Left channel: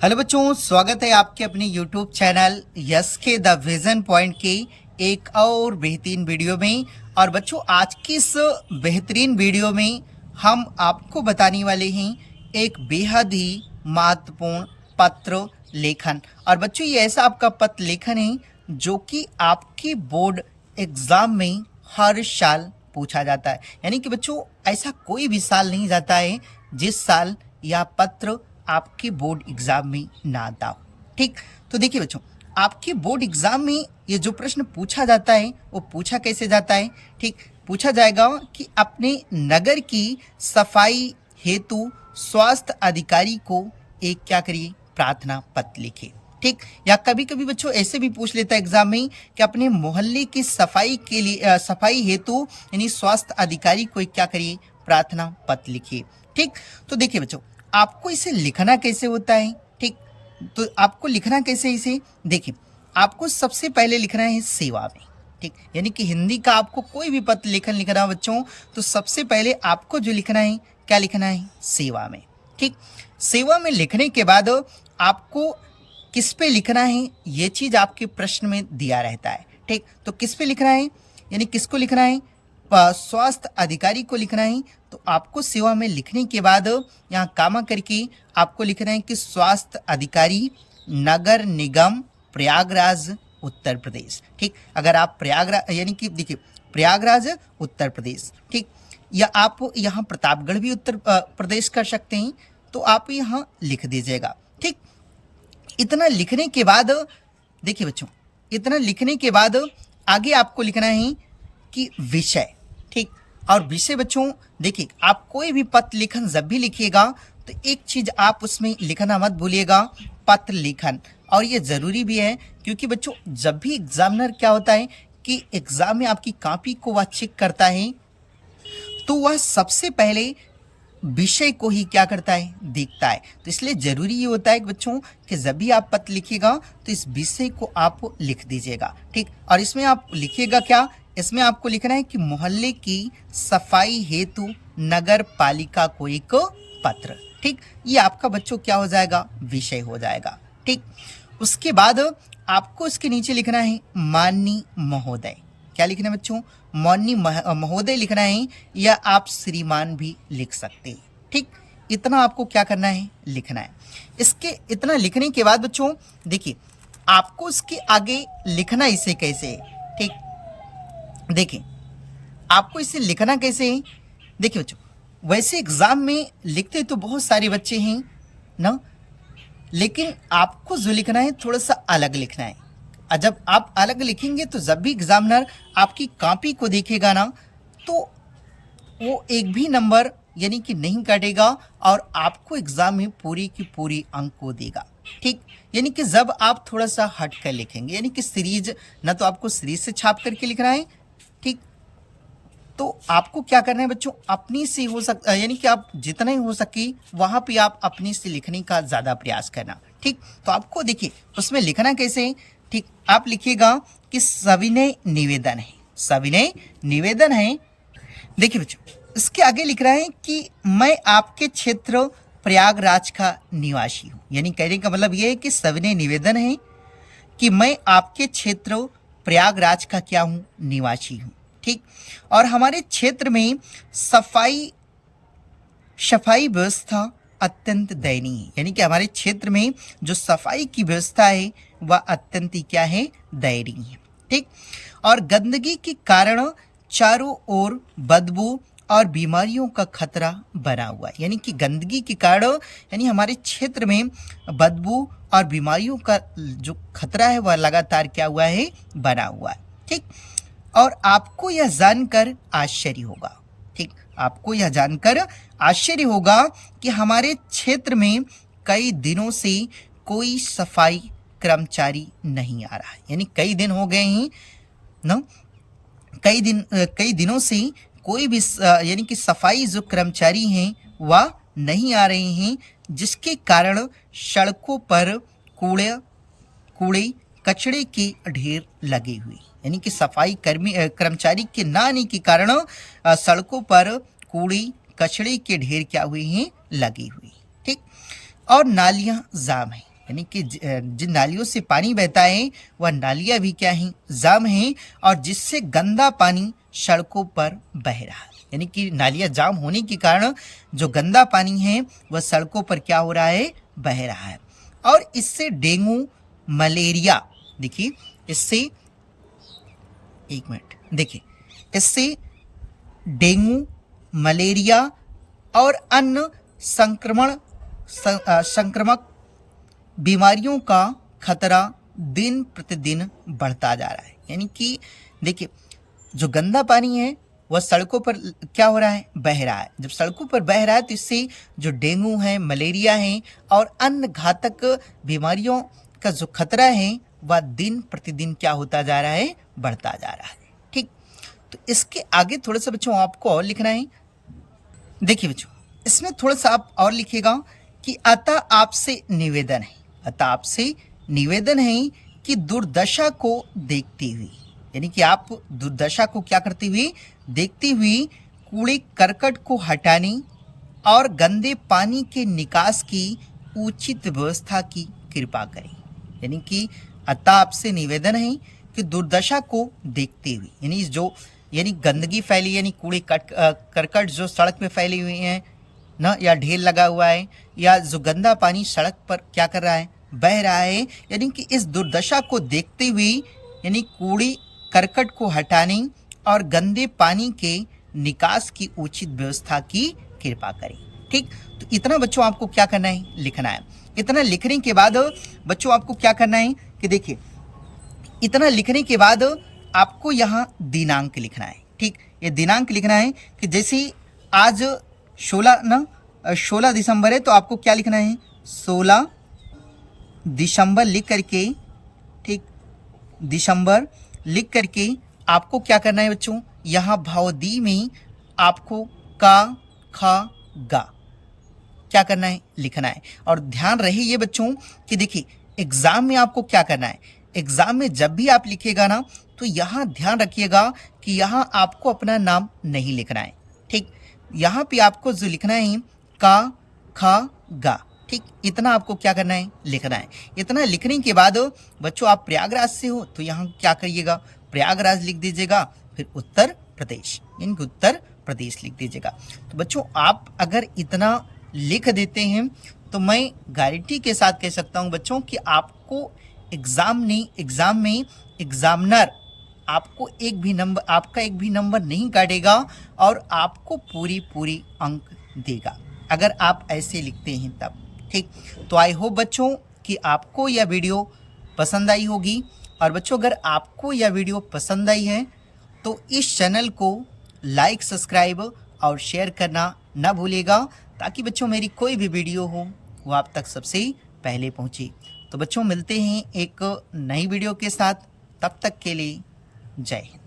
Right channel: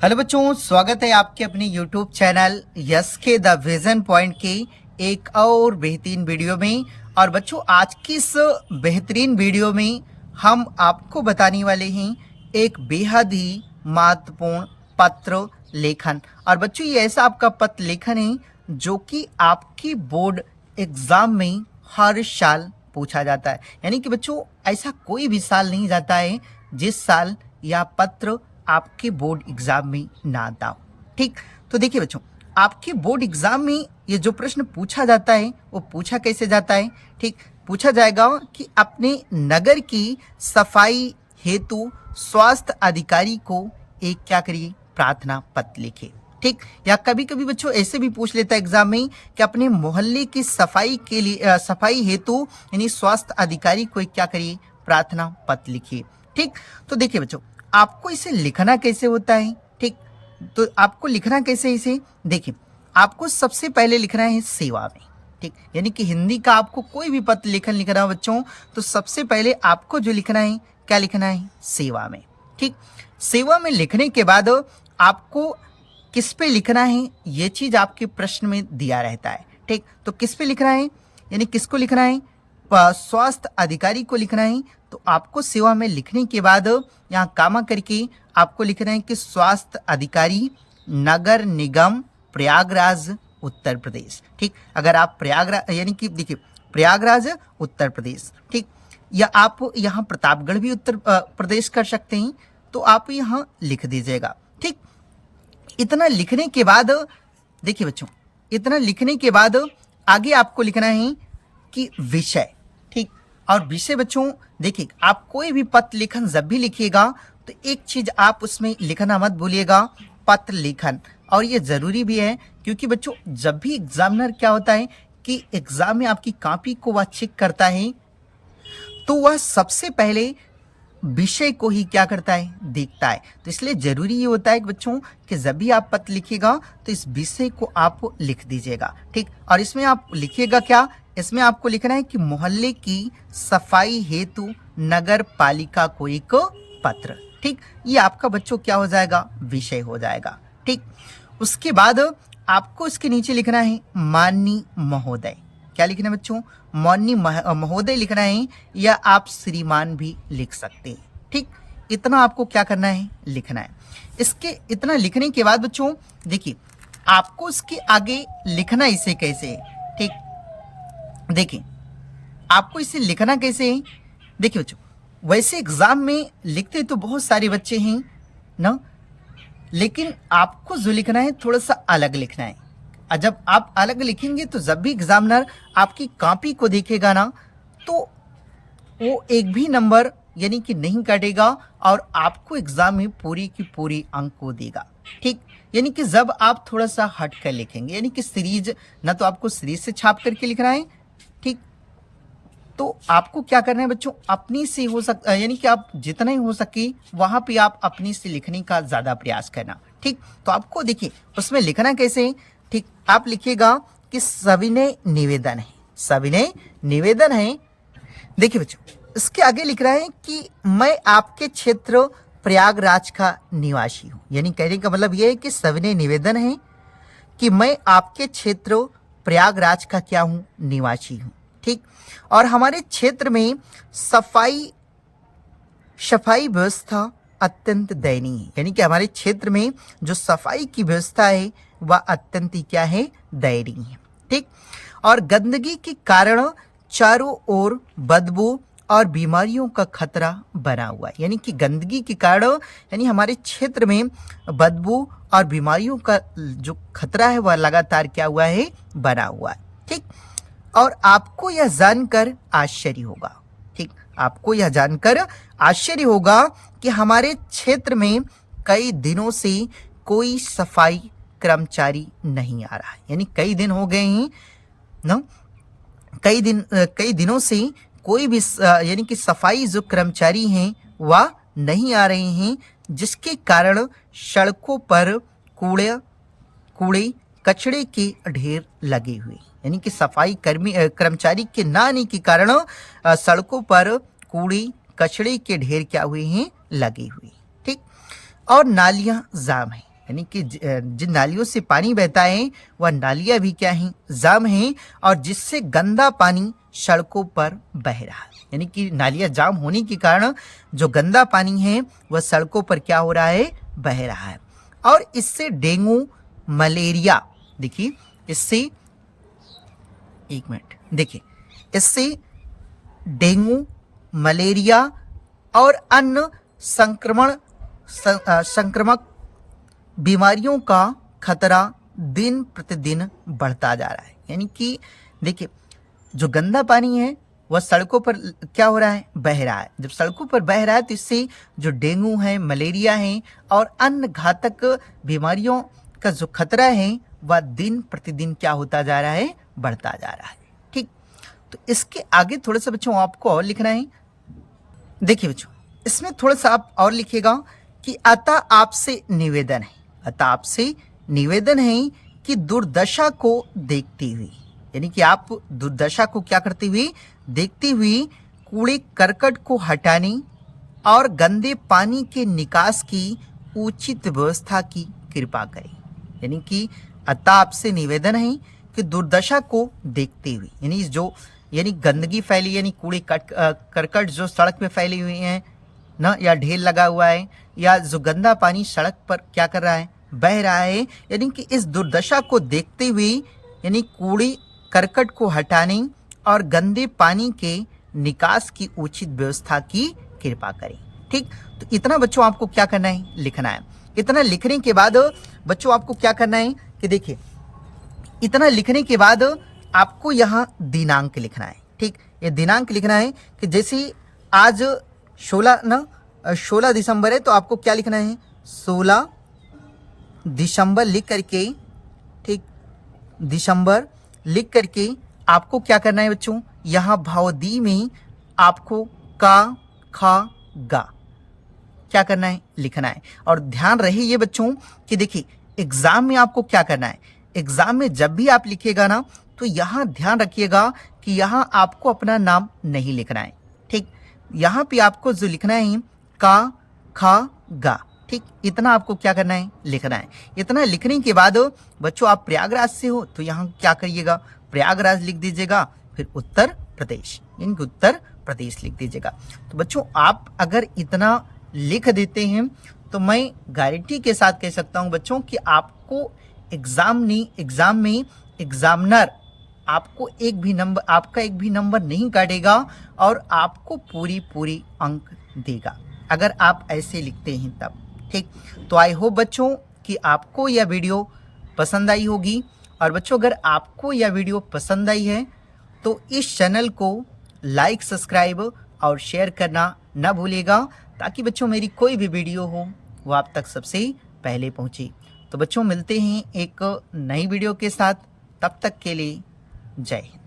Hello बच्चों, स्वागत है आपके अपने YouTube चैनल यस के द विजन पॉइंट की एक और बेहतरीन वीडियो में। और बच्चों, आज की इस बेहतरीन वीडियो में हम आपको बताने वाले हैं एक बेहद ही महत्वपूर्ण पत्र लेखन। और बच्चों, ये ऐसा आपका पत्र लेखन है जो कि आपकी बोर्ड एग्जाम में हर साल पूछा जाता है। यानी कि बच्चों, ऐसा कोई भी साल नहीं जाता है जिस साल यह पत्र आपके बोर्ड एग्जाम में ना आता हो। ठीक, तो देखिए बच्चों, आपके बोर्ड एग्जाम में ये जो प्रश्न पूछा जाता है वो पूछा कैसे जाता है। ठीक, पूछा जाएगा कि अपने नगर की सफाई हेतु स्वास्थ्य अधिकारी को एक क्या करिए, प्रार्थना पत्र लिखे। ठीक, या कभी कभी बच्चों ऐसे भी पूछ लेता है एग्जाम में कि अपने मोहल्ले की सफाई के लिए सफाई हेतु यानी स्वास्थ्य अधिकारी को एक क्या करिए, प्रार्थना पत्र लिखिए। ठीक, तो देखिए बच्चों, आपको इसे लिखना कैसे होता है। ठीक, तो आपको लिखना कैसे, इसे देखिए, आपको सबसे पहले लिखना है सेवा में। ठीक, यानी कि हिंदी का आपको कोई भी पत्र लेखन लिखना हो बच्चों, तो सबसे पहले आपको जो लिखना है, क्या लिखना है, सेवा में। ठीक, सेवा में लिखने के बाद आपको किस पे लिखना है, ये चीज आपके प्रश्न में दिया रहता है। ठीक, तो किस पे लिखना है, यानी किसको लिखना है, स्वास्थ्य अधिकारी को लिखना है। तो आपको सेवा में लिखने के बाद यहाँ कामा करके आपको लिखना है कि स्वास्थ्य अधिकारी नगर निगम प्रयागराज उत्तर प्रदेश। ठीक, अगर आप प्रयागराज यानी कि देखिए प्रयागराज उत्तर प्रदेश, ठीक, या आप यहाँ प्रतापगढ़ भी उत्तर प्रदेश कर सकते हैं, तो आप यहाँ लिख दीजिएगा। ठीक, इतना लिखने के बाद देखिए बच्चों, इतना लिखने के बाद आगे आपको लिखना है कि विषय। ठीक, और विषय बच्चों देखिए, आप कोई भी पत्र लेखन जब भी लिखिएगा तो एक चीज आप उसमें लिखना मत भूलिएगा, पत्र लेखन। और ये जरूरी भी है क्योंकि बच्चों, जब भी एग्जामिनर क्या होता है कि एग्जाम में आपकी कॉपी को वह चेक करता है, तो वह सबसे पहले विषय को ही क्या करता है, देखता है। तो इसलिए जरूरी ये होता है कि बच्चों कि जब भी आप पत्र लिखिएगा तो इस विषय को आप लिख दीजिएगा। ठीक, और इसमें आप लिखिएगा क्या, इसमें आपको लिखना है कि मोहल्ले की सफाई हेतु नगर पालिका को एक पत्र। ठीक, ये आपका बच्चों क्या हो जाएगा, विषय हो जाएगा। ठीक, उसके बाद आपको इसके नीचे लिखना है माननीय महोदय। क्या लिखना है बच्चों, माननीय महोदय लिखना है, या आप श्रीमान भी लिख सकते हैं। ठीक, इतना आपको क्या करना है, लिखना है। इसके इतना लिखने के बाद बच्चों देखिए, आपको इसके आगे लिखना इसे कैसे है। ठीक, देखिए आपको इसे लिखना कैसे है। देखिए बच्चों, वैसे एग्जाम में लिखते तो बहुत सारे बच्चे हैं ना, लेकिन आपको जो लिखना है थोड़ा सा अलग लिखना है। और जब आप अलग लिखेंगे तो जब भी एग्जामिनर आपकी कॉपी को देखेगा ना, तो वो एक भी नंबर यानी कि नहीं काटेगा और आपको एग्जाम में पूरी की पूरी अंक को देगा। ठीक, यानी कि जब आप थोड़ा सा हट कर लिखेंगे, यानी कि सीरीज ना, तो आपको सीरीज से छाप करके लिखना है। ठीक, तो आपको क्या करना है बच्चों, अपनी से हो सकता यानी कि आप जितना ही हो सके वहां पे आप अपनी से लिखने का ज्यादा प्रयास करना। ठीक, तो आपको देखिए उसमें लिखना कैसे है। ठीक, आप लिखिएगा कि सविनय निवेदन है, सविनय निवेदन है। देखिए बच्चों, इसके आगे लिख रहा है कि मैं आपके क्षेत्र प्रयागराज का निवासी हूं। यानी कहने का मतलब यह है कि सविनय निवेदन है कि मैं आपके क्षेत्र प्रयागराज का क्या हूं, निवासी हूं। ठीक, और हमारे क्षेत्र में सफाई व्यवस्था अत्यंत दयनीय है। यानी कि हमारे क्षेत्र में जो सफाई की व्यवस्था है वह अत्यंत ही क्या है, दयनीय है। ठीक, और गंदगी के कारण चारों ओर बदबू और बीमारियों का खतरा बना हुआ है। यानी कि गंदगी के कारण यानी हमारे क्षेत्र में बदबू और बीमारियों का जो खतरा है वह लगातार क्या हुआ है, बना हुआ है। ठीक, और आपको यह जानकर आश्चर्य होगा। ठीक, आपको यह जानकर आश्चर्य होगा कि हमारे क्षेत्र में कई दिनों से कोई सफाई कर्मचारी नहीं आ रहा है। यानी कई दिन हो गए हैं ना, कई दिनों से कोई भी यानी कि सफाई जो कर्मचारी हैं वह नहीं आ रहे हैं, जिसके कारण सड़कों पर कूड़े कचड़े के ढेर लगे हुए। यानी कि सफाई कर्मचारी के ना आने के कारण सड़कों पर कूड़े कचड़े के ढेर क्या हुए हैं, लगे हुए। ठीक, और नालियां जाम है। यानी कि जिन नालियों से पानी बहता है वह नालियां भी क्या हैं, जाम हैं, और जिससे गंदा पानी सड़कों पर बह रहा है। यानी कि नालियां जाम होने के कारण जो गंदा पानी है वह सड़कों पर क्या हो रहा है, बह रहा है। और इससे डेंगू, मलेरिया, देखिए इससे, एक मिनट, देखिए इससे डेंगू, मलेरिया और अन्य संक्रमक बीमारियों का खतरा दिन प्रतिदिन बढ़ता जा रहा है। यानी कि देखिए जो गंदा पानी है वह सड़कों पर क्या हो रहा है, बह रहा है। जब सड़कों पर बह रहा है तो इससे जो डेंगू है, मलेरिया है और अन्य घातक बीमारियों का जो खतरा है वह दिन प्रतिदिन क्या होता जा रहा है, बढ़ता जा रहा है। ठीक, तो इसके आगे थोड़ा सा बच्चों आपको और लिखना है। देखिए बच्चों, इसमें थोड़ा सा आप और लिखिएगा कि अतः आपसे निवेदन है, अतः आपसे निवेदन है कि दुर्दशा को देखते हुए, यानी कि आप दुर्दशा को क्या करते हुए, देखते हुए कूड़े करकट को हटाने और गंदे पानी के निकास की उचित व्यवस्था की कृपा करें। यानी कि अतः आपसे निवेदन है कि दुर्दशा को देखते हुए, यानी गंदगी फैली, यानी कूड़े करकट जो सड़क में फैली हुई हैं ना, या ढेर लगा हुआ है, या जो गंदा पानी सड़क पर क्या कर रहा है, बह रहा है, यानी कि इस दुर्दशा को देखते हुए यानी कूड़े करकट को हटाने और गंदे पानी के निकास की उचित व्यवस्था की कृपा करें। ठीक, तो इतना बच्चों आपको क्या करना है, लिखना है। इतना लिखने के बाद बच्चों आपको क्या करना है कि देखिए, इतना लिखने के बाद आपको यहाँ दिनांक लिखना है। ठीक, ये दिनांक लिखना है कि जैसे आज 16 दिसंबर है तो आपको क्या लिखना है, 16 दिसंबर लिख करके, ठीक, दिसंबर लिख करके आपको क्या करना है बच्चों, यहाँ भावदी में आपको का, खा, गा क्या करना है, लिखना है। और ध्यान रहे ये बच्चों कि देखिए एग्जाम में आपको क्या करना है, एग्जाम में जब भी आप लिखिएगा ना तो यहाँ ध्यान रखिएगा कि यहाँ आपको अपना नाम नहीं लिखना है। ठीक, यहाँ पे आपको जो लिखना है का, खा, गा, ठीक, इतना आपको क्या करना है, लिखना है। इतना लिखने के बाद बच्चों आप प्रयागराज से हो तो यहाँ क्या करिएगा, प्रयागराज लिख दीजिएगा, फिर उत्तर प्रदेश, यानी उत्तर प्रदेश लिख दीजिएगा। तो बच्चों आप अगर इतना लिख देते हैं तो मैं गारंटी के साथ कह सकता हूं बच्चों कि आपको एग्जाम में एग्जामिनर आपको आपका एक भी नंबर नहीं काटेगा और आपको पूरी अंक देगा अगर आप ऐसे लिखते हैं तब। ठीक, तो आई होप बच्चों कि आपको यह वीडियो पसंद आई होगी। और बच्चों अगर आपको यह वीडियो पसंद आई है तो इस चैनल को लाइक, सब्सक्राइब और शेयर करना ना भूलिएगा, ताकि बच्चों मेरी कोई भी वीडियो हो वो आप तक सबसे पहले पहुंचे। तो बच्चों मिलते हैं एक नई वीडियो के साथ, तब तक के लिए जय हिंद।